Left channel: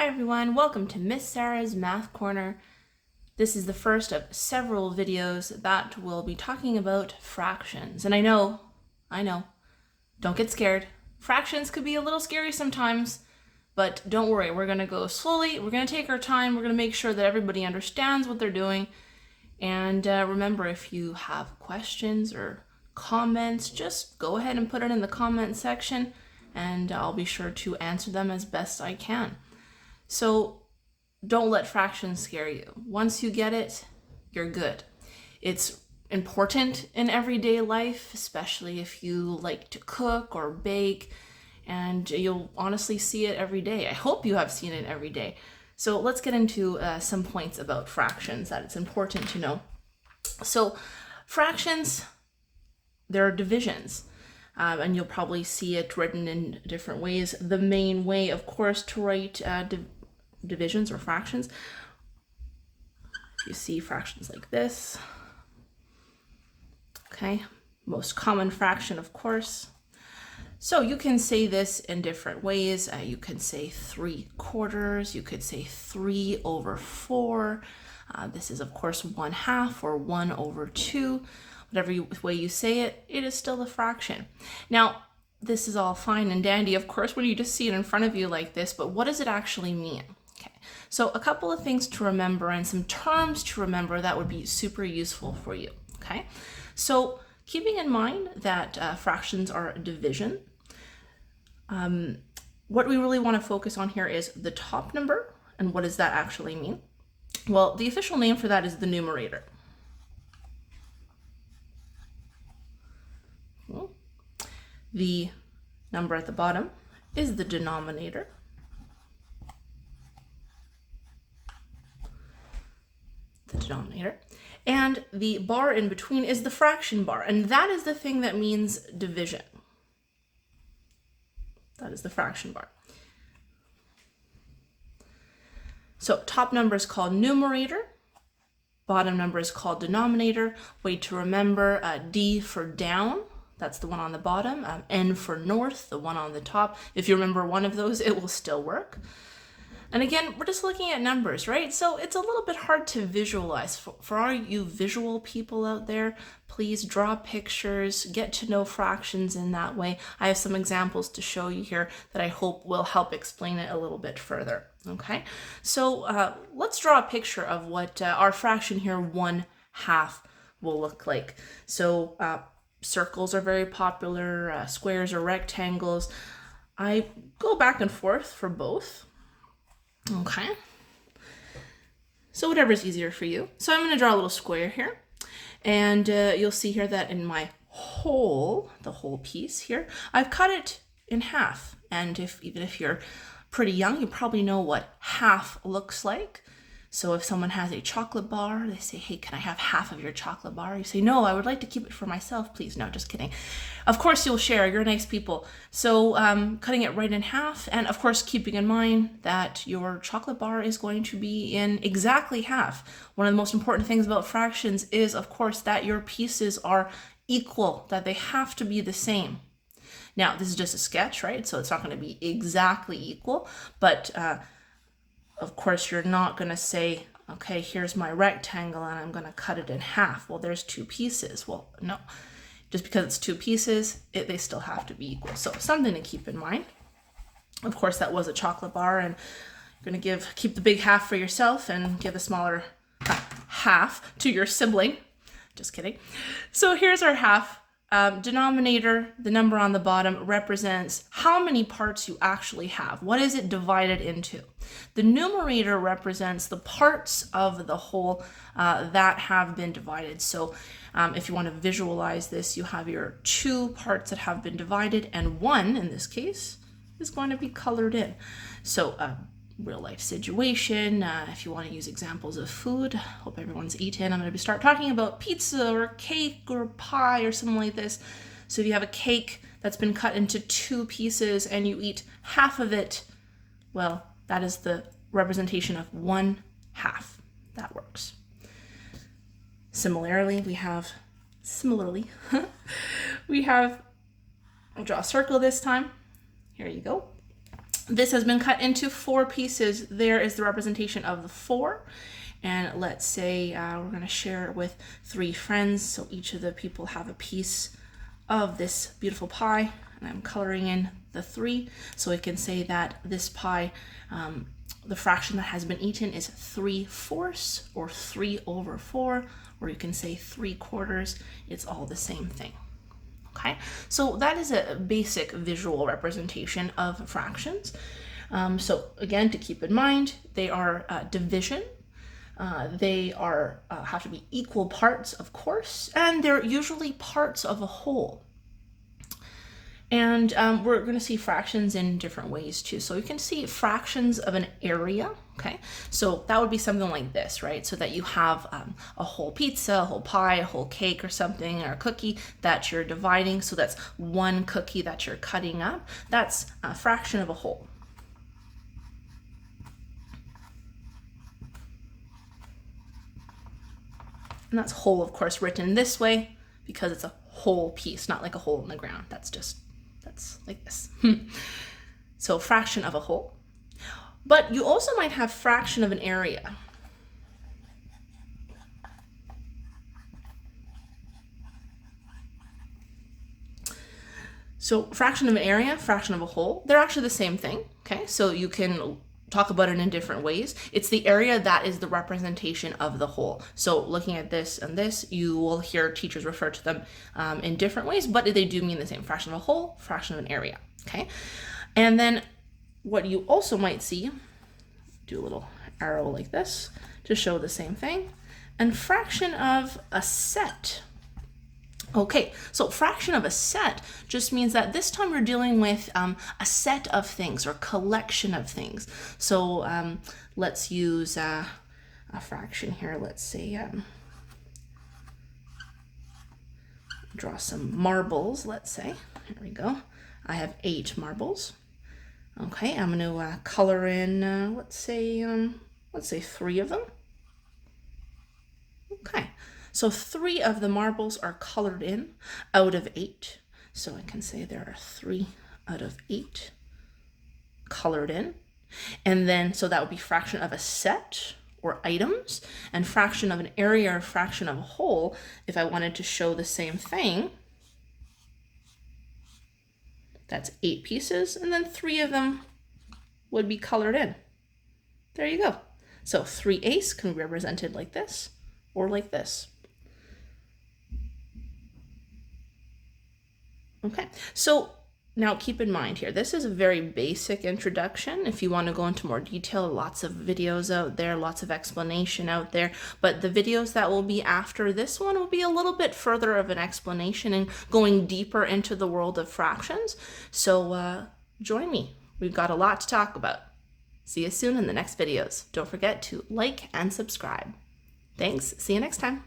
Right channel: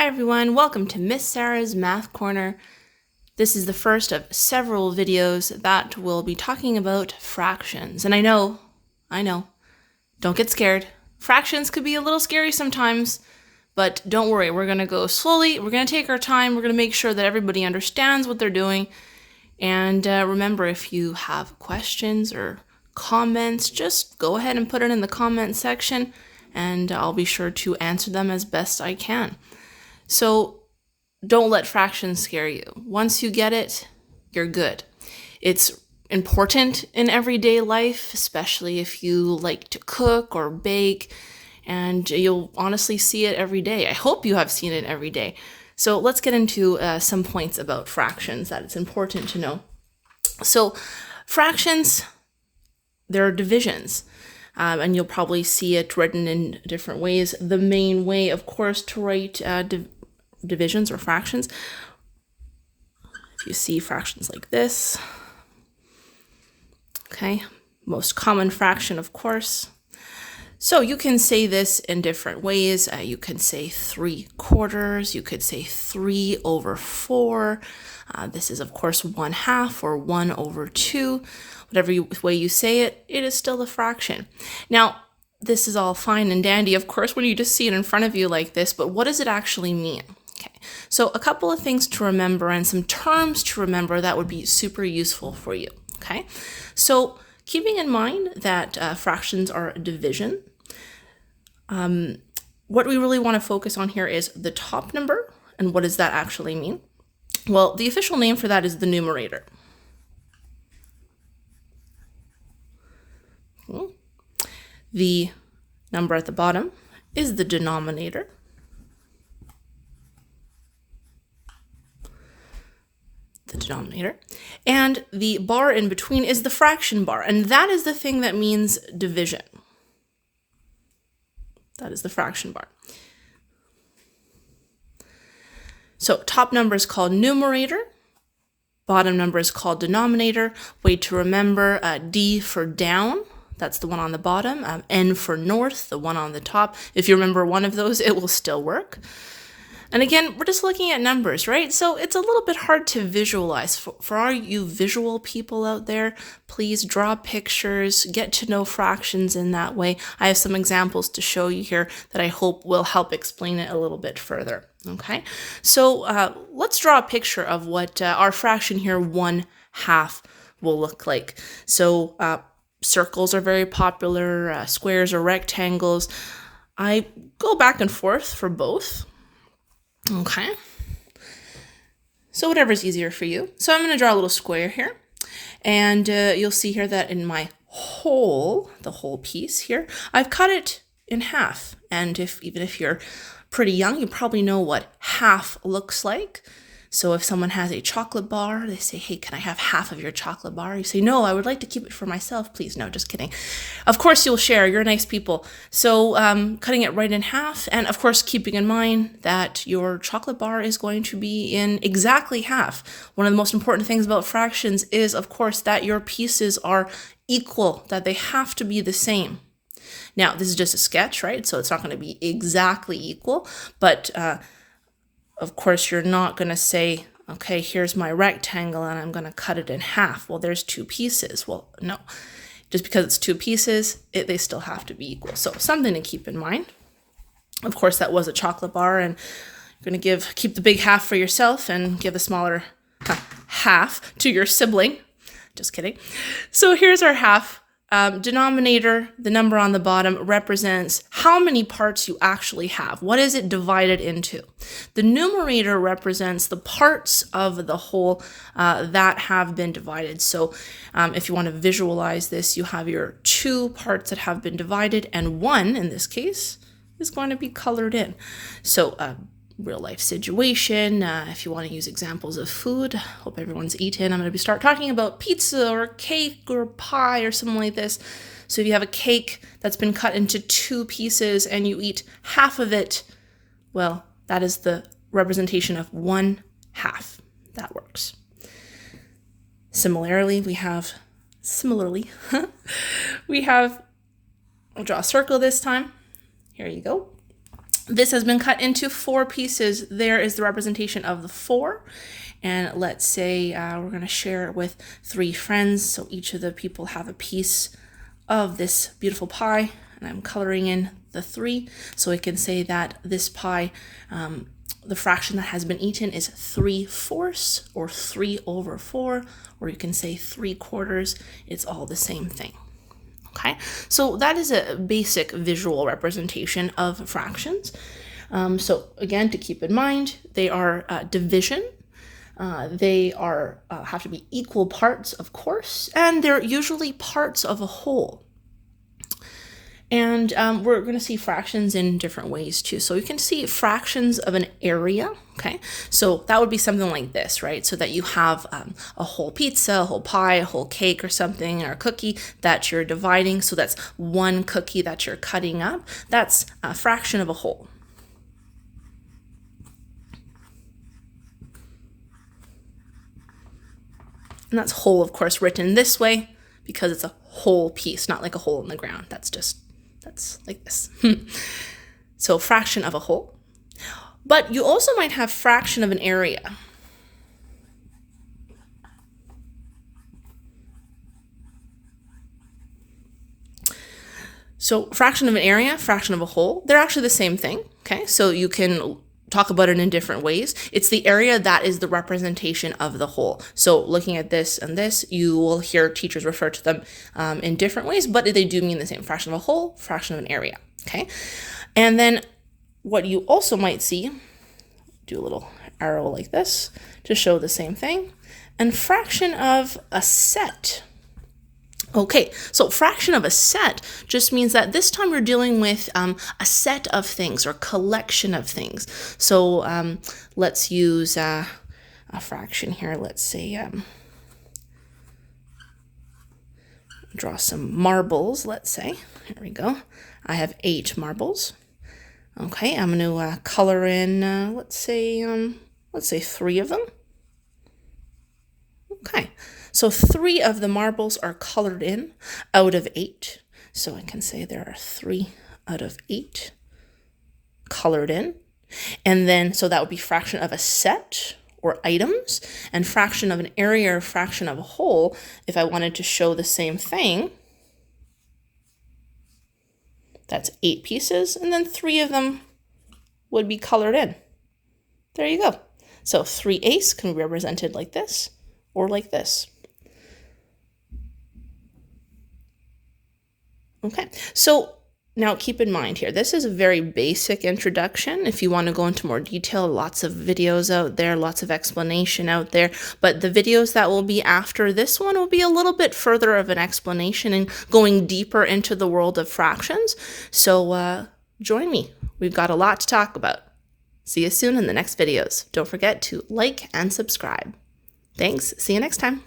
Hi everyone, welcome to Miss Sarah's Math Corner. This is the first of several videos that will be talking about fractions. And I know, don't get scared. Fractions could be a little scary sometimes, but don't worry, we're gonna go slowly, we're gonna take our time, we're gonna make sure that everybody understands what they're doing. And remember, if you have questions or comments, just go ahead and put it in the comment section and I'll be sure to answer them as best I can. So don't let fractions scare you. Once you get it, you're good. It's important in everyday life, especially if you like to cook or bake, and you'll honestly see it every day. I hope you have seen it every day. So let's get into some points about fractions that it's important to know. So fractions, they're divisions. And you'll probably see it written in different ways. The main way, of course, to write divisions or fractions, if you see fractions like this, okay, most common fraction, of course. So you can say this in different ways. You can say 3/4, you could say 3/4. This is, of course, 1/2 or 1/2. Whatever way you say it, it is still a fraction. Now, this is all fine and dandy, of course, when you just see it in front of you like this, but what does it actually mean? Okay, so a couple of things to remember and some terms to remember that would be super useful for you, okay? So keeping in mind that fractions are a division, what we really want to focus on here is the top number, and what does that actually mean? Well, the official name for that is the numerator. The number at the bottom is the denominator. And the bar in between is the fraction bar, and that is the thing that means division. That is the fraction bar. So top number is called numerator, bottom number is called denominator. Way to remember, D for down, that's the one on the bottom, N for north, the one on the top. If you remember one of those, it will still work. And again, we're just looking at numbers, right? So it's a little bit hard to visualize. For all you visual people out there, please draw pictures, get to know fractions in that way. I have some examples to show you here that I hope will help explain it a little bit further, okay? So let's draw a picture of what our fraction here, 1/2, will look like. So circles are very popular, squares or rectangles. I go back and forth for both. Okay, so whatever's easier for you. So I'm going to draw a little square here, and you'll see here that in my the whole piece here, I've cut it in half. And even if you're pretty young, you probably know what half looks like. So if someone has a chocolate bar, they say, hey, can I have half of your chocolate bar? You say, no, I would like to keep it for myself, please. No, just kidding. Of course, you'll share. You're nice people. So cutting it right in half, and of course, keeping in mind that your chocolate bar is going to be in exactly half. One of the most important things about fractions is, of course, that your pieces are equal, that they have to be the same. Now, this is just a sketch, right? So it's not going to be exactly equal, but of course, you're not going to say, okay, here's my rectangle and I'm going to cut it in half. Well, there's two pieces. Well, no, just because it's two pieces, they still have to be equal. So something to keep in mind. Of course, that was a chocolate bar, and you're going to keep the big half for yourself and give the smaller half to your sibling. Just kidding. So here's our half. Denominator, the number on the bottom, represents how many parts you actually have. What is it divided into? The numerator represents the parts of the whole that have been divided. So if you want to visualize this, you have your two parts that have been divided, and one, in this case, is going to be colored in. So real life situation, if you want to use examples of food, hope everyone's eaten. I'm going to start talking about pizza or cake or pie or something like this. So if you have a cake that's been cut into two pieces and you eat half of it, well, that is the representation of 1/2. That works. Similarly, we have, I'll draw a circle this time. Here you go. This has been cut into 4 pieces. There is the representation of the 4. And let's say we're going to share it with 3 friends. So each of the people have a piece of this beautiful pie. And I'm coloring in the 3. So we can say that this pie, the fraction that has been eaten is 3/4 or 3/4, or you can say 3/4. It's all the same thing. Okay, so that is a basic visual representation of fractions. So again, to keep in mind, they are division. They are have to be equal parts, of course, and they're usually parts of a whole. And we're going to see fractions in different ways too. So you can see fractions of an area, okay? So that would be something like this, right? So that you have a whole pizza, a whole pie, a whole cake or something, or a cookie that you're dividing. So that's one cookie that you're cutting up. That's a fraction of a whole. And that's whole, of course, written this way because it's a whole piece, not like a hole in the ground. That's like this. So fraction of a whole. But you also might have fraction of an area. So fraction of an area, fraction of a whole, they're actually the same thing, okay? So you can talk about it in different ways. It's the area that is the representation of the whole. So looking at this and this, you will hear teachers refer to them in different ways, but they do mean the same. Fraction of a whole, fraction of an area, okay? And then what you also might see, do a little arrow like this to show the same thing, and fraction of a set. Okay, so fraction of a set just means that this time we're dealing with a set of things or collection of things. So let's use a fraction here. Let's say draw some marbles, let's say. Here we go. I have 8 marbles. Okay, I'm going to color in, let's say 3 of them. Okay. So 3 of the marbles are colored in out of 8. So I can say there are 3 out of 8 colored in. And then, so that would be fraction of a set or items, and fraction of an area or fraction of a whole. If I wanted to show the same thing, that's 8 pieces, and then 3 of them would be colored in. There you go. So 3/8 can be represented like this or like this. Okay, so now keep in mind here, this is a very basic introduction. If you want to go into more detail, lots of videos out there, lots of explanation out there, but the videos that will be after this one will be a little bit further of an explanation and going deeper into the world of fractions. So join me. We've got a lot to talk about. See you soon in the next videos. Don't forget to like and subscribe. Thanks. See you next time.